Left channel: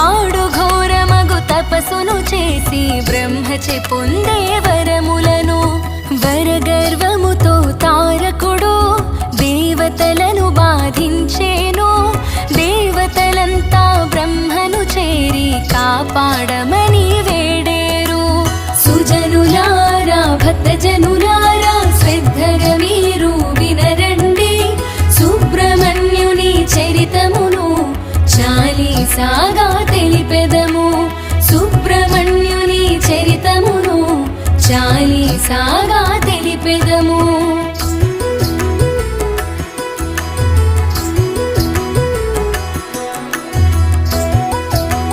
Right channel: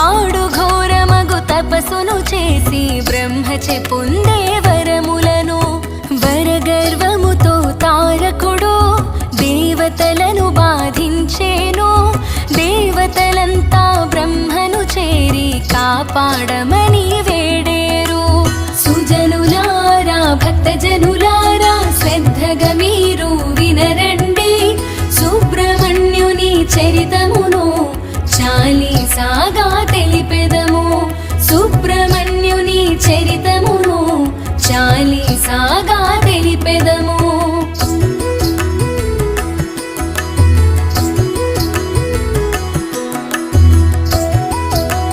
వాడు ఘోరమగు తపస్సును చేసి బ్రహ్మచే పొందే వరములను వరగర్వముతో తారకుడు దేవతలను బాధించేను. దేవతలంతా బ్రహ్మను చేరి కాపాడమని వేడే.